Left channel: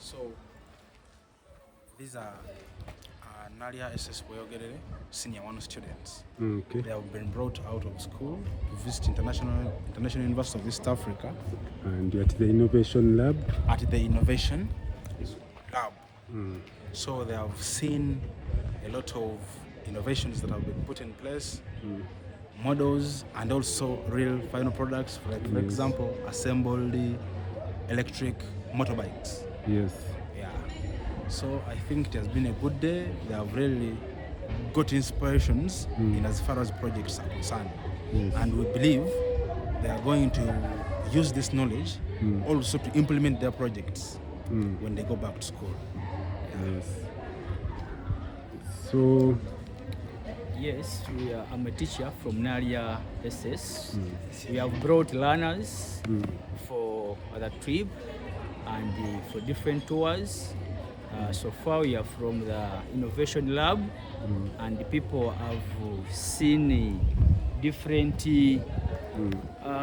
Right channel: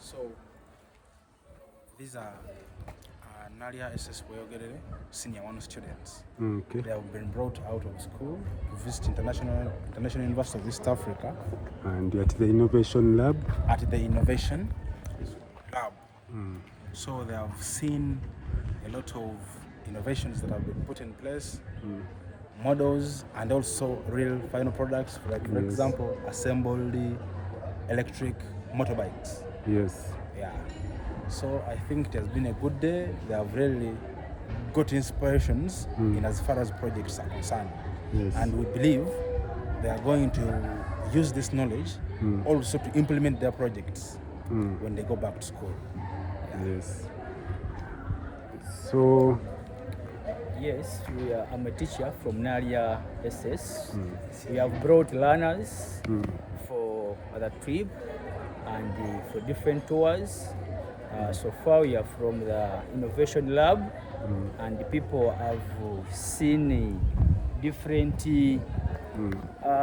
So these are Naalya Bweyogerere Senior 1 students. Okay. They have been brought out of school to visit International University of East Africa. And at the Innovation Lab? At the Innovation Lab. So they have seen a lot of innovations that have been put in place, models, and also real final products, like for example, assembled electric motorbikes. Yes. Yeah. So I think it has been a good day. They have really got inspirations in as far as projects are concerned. Yes. And we believe they are going to use this knowledge also to implement their projects when they go back to school. Yeah. Yes. So yes, I'm a teacher from Naalya SS. We have brought learners for the trip and for different tours. So far we are from the Innovation Lab and the people have seen different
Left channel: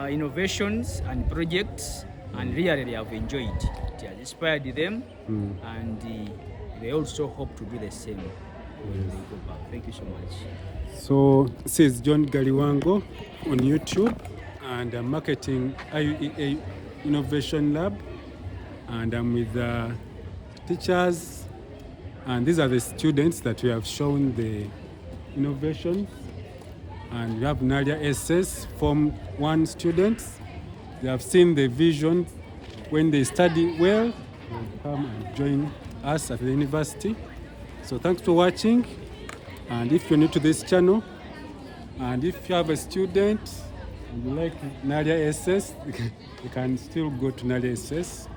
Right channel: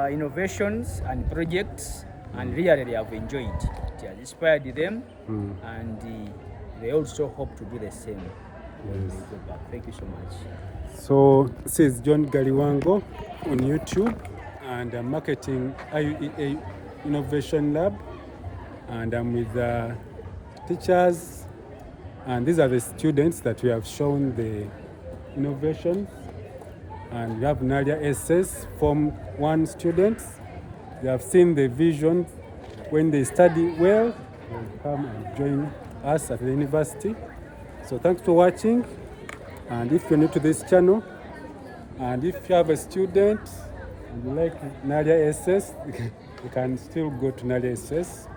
innovations and projects, and really they have enjoyed it. It has inspired them and they also hope to do the same when they go back. Thank you so much. So this is John Galiwango on YouTube, and I'm marketing IUEA Innovation Lab, and I'm with the teachers, and these are the students that we have shown the innovations. And we have Naalya SS Form 1 students. They have seen the vision. When they study well, they'll come and join us at the university. So thanks for watching. And if you're new to this channel, and if you have a student and you like Naalya SS, you can still go to Naalya SS.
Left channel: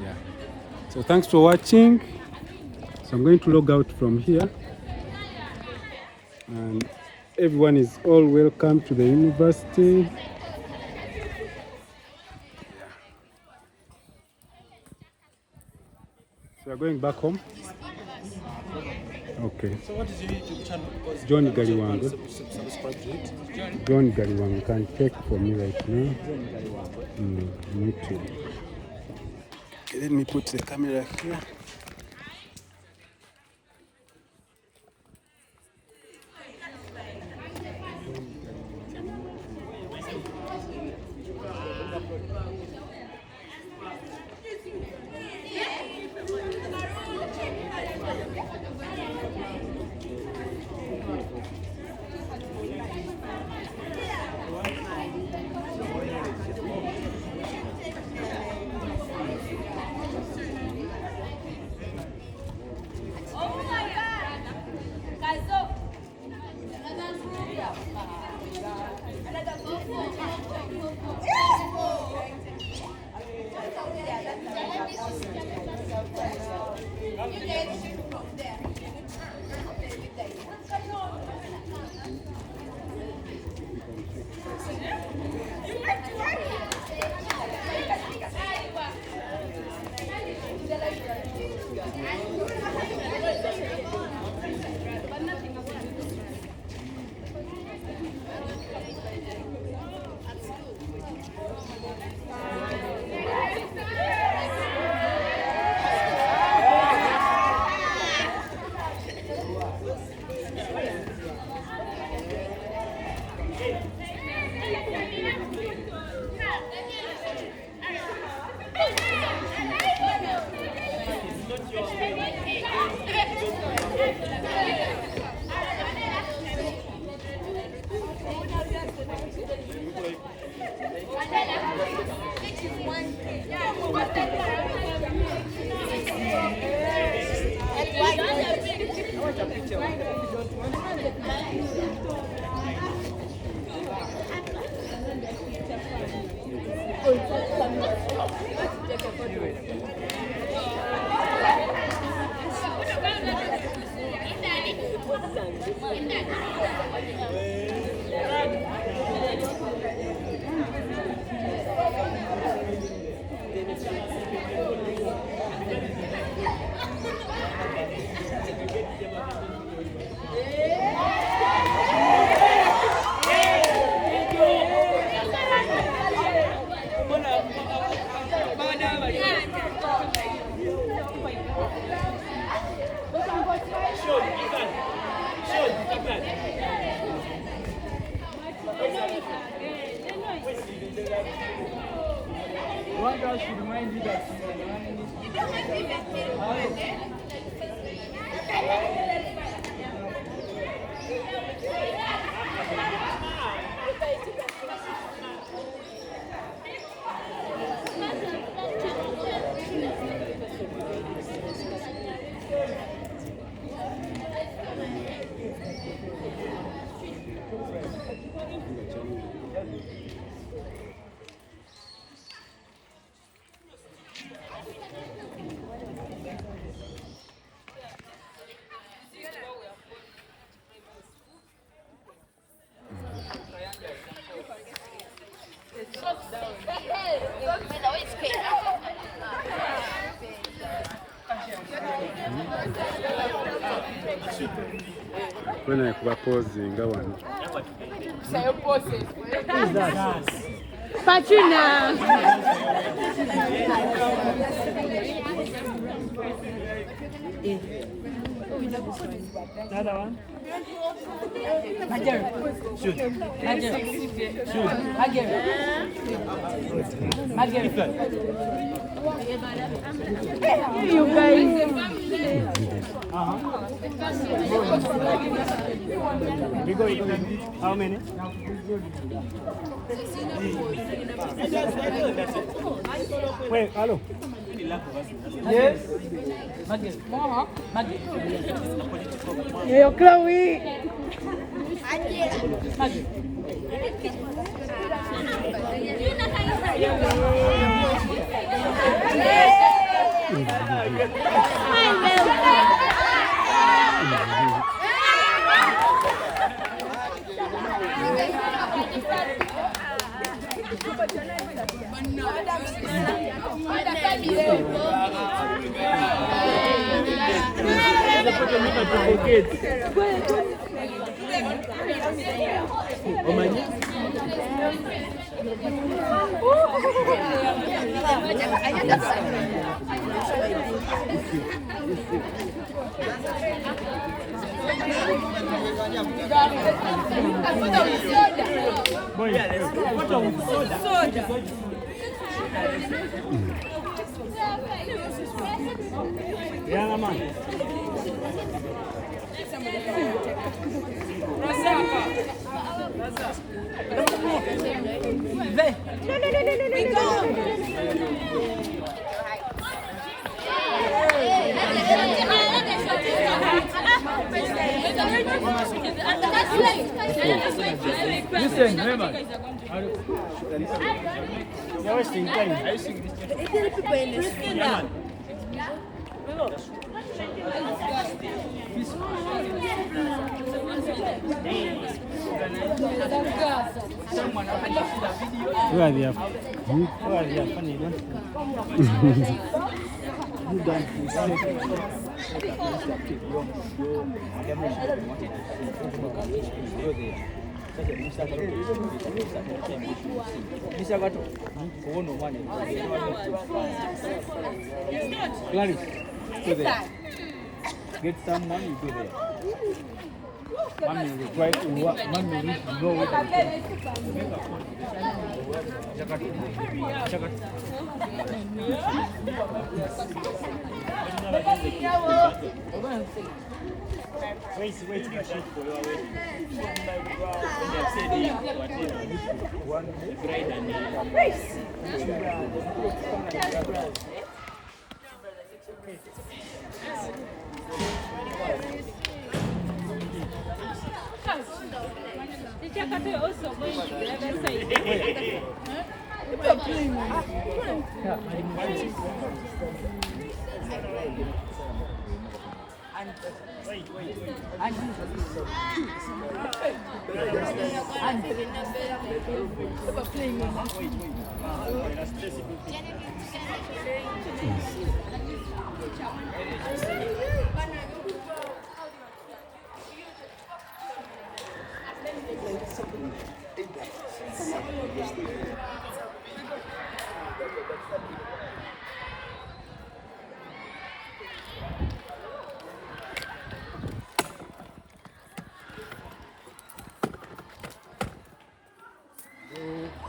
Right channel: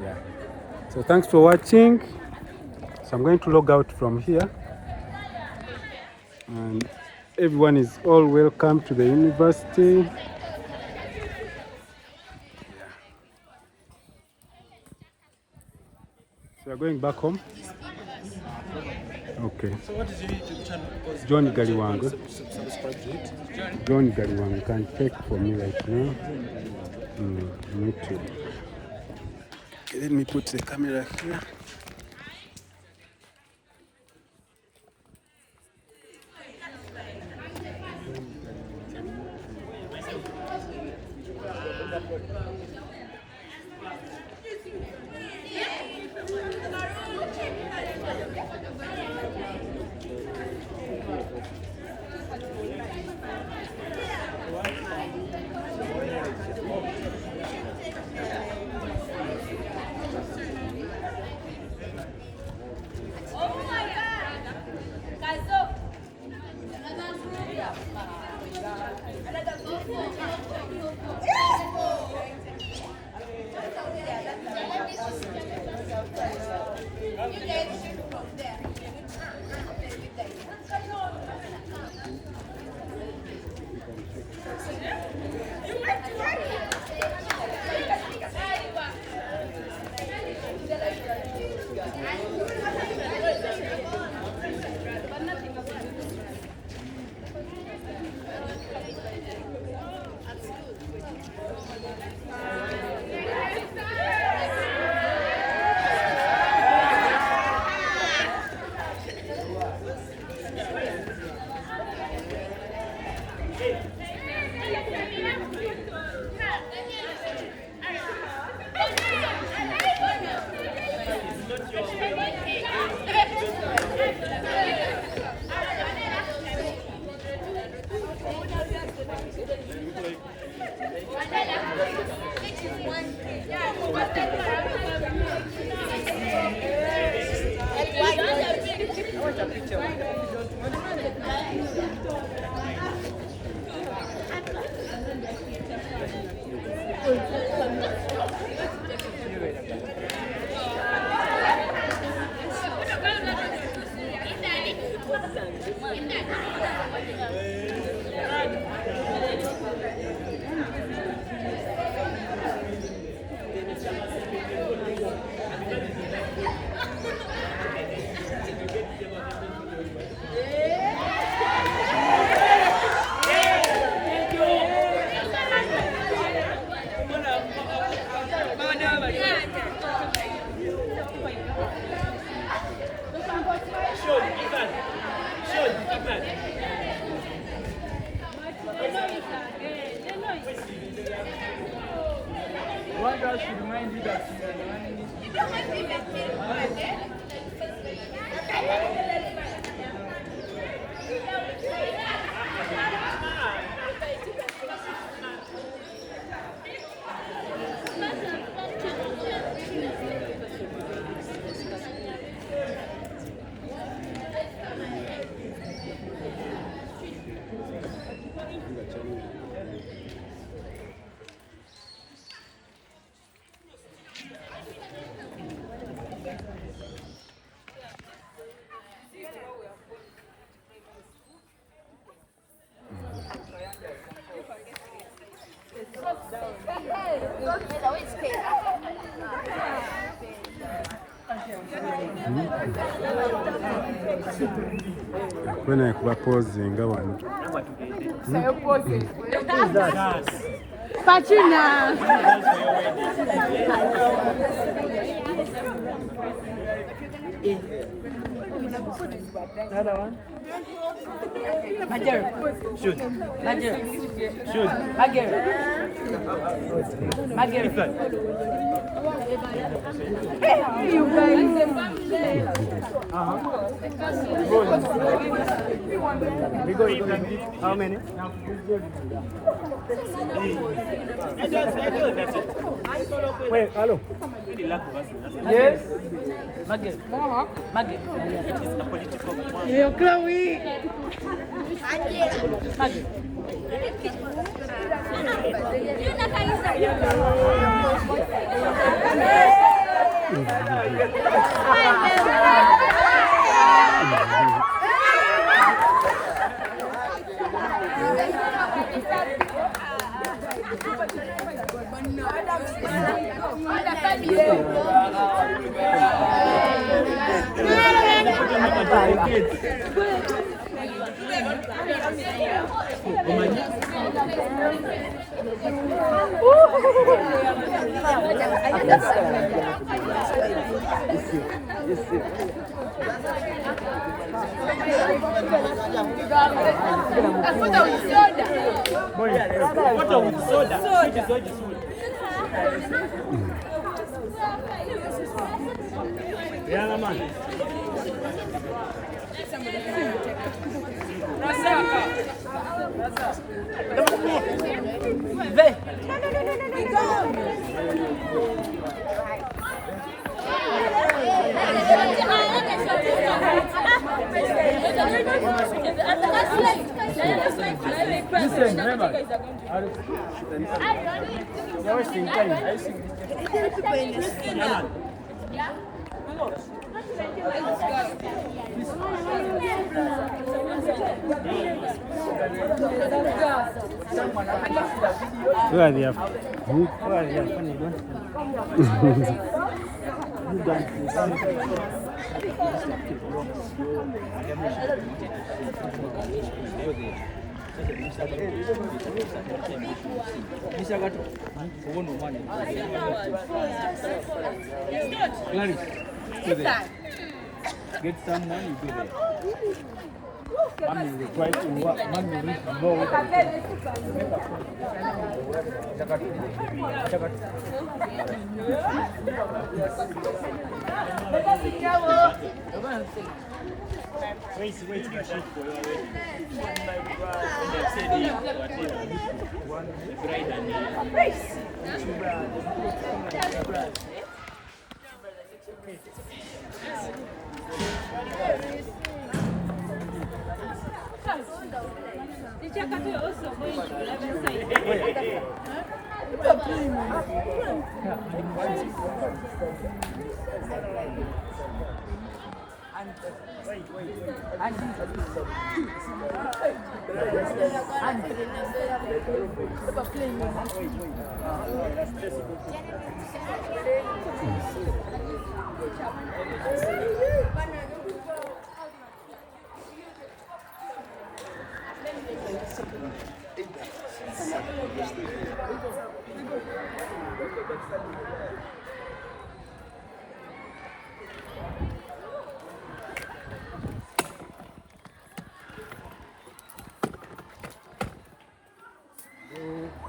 Yeah. So thanks for watching. So I'm going to log out from here. And everyone is all welcome to the university. So we're going back home. Okay. So what is your YouTube channel? John Galiwango. Subscribe to it. John Galiwango. You can check for me right now. YouTube. Okay, let me put the camera here. When I propose in Galiwango. Who's that? Pachina. Another one. Majer. Shoot. Majer. Shoot. Majer. Majer. We go. How many? Wait, hello. Yes. Maggie. Maggie. Yo, Chloe. Maggie. Yeah, man. Listen, remember. You're wasting time. Where are they? Where are they? Funny, don't you done? Get some money, you do that. Mommy will try to work. Mommy will know what to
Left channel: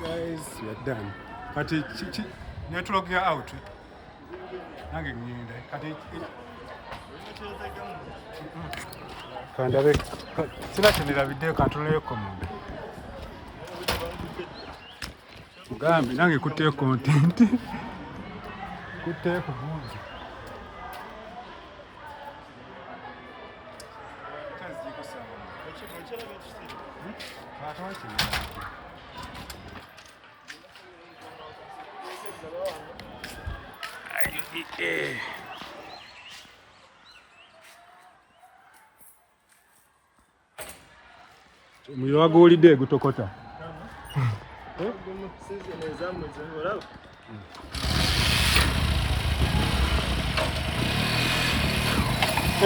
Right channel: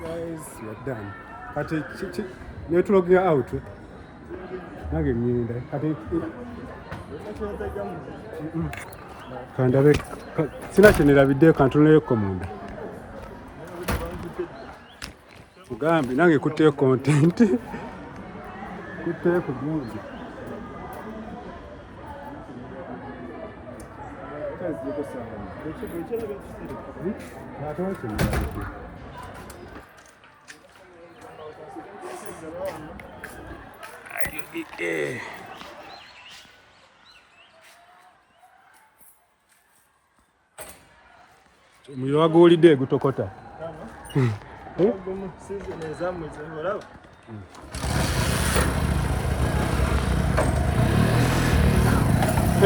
Guys, we are done. Kati netulogera out. Nange nyinda. Kati kandabe sina chenera video kantuleyo komunda. Mugambi nange kutte content. Kutte kujungi. Kazi yako sana. IUEA. Omuliro waguwulidde gutokota.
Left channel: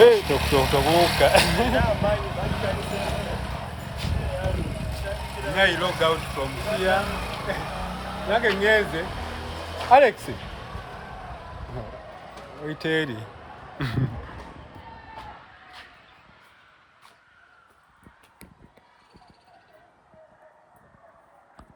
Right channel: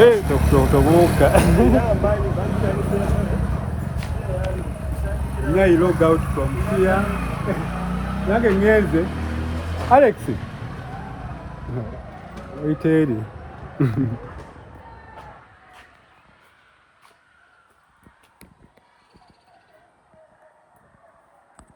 Hey, tokutoka. Now you log out from here. Nange ngeze. Alex. Wait,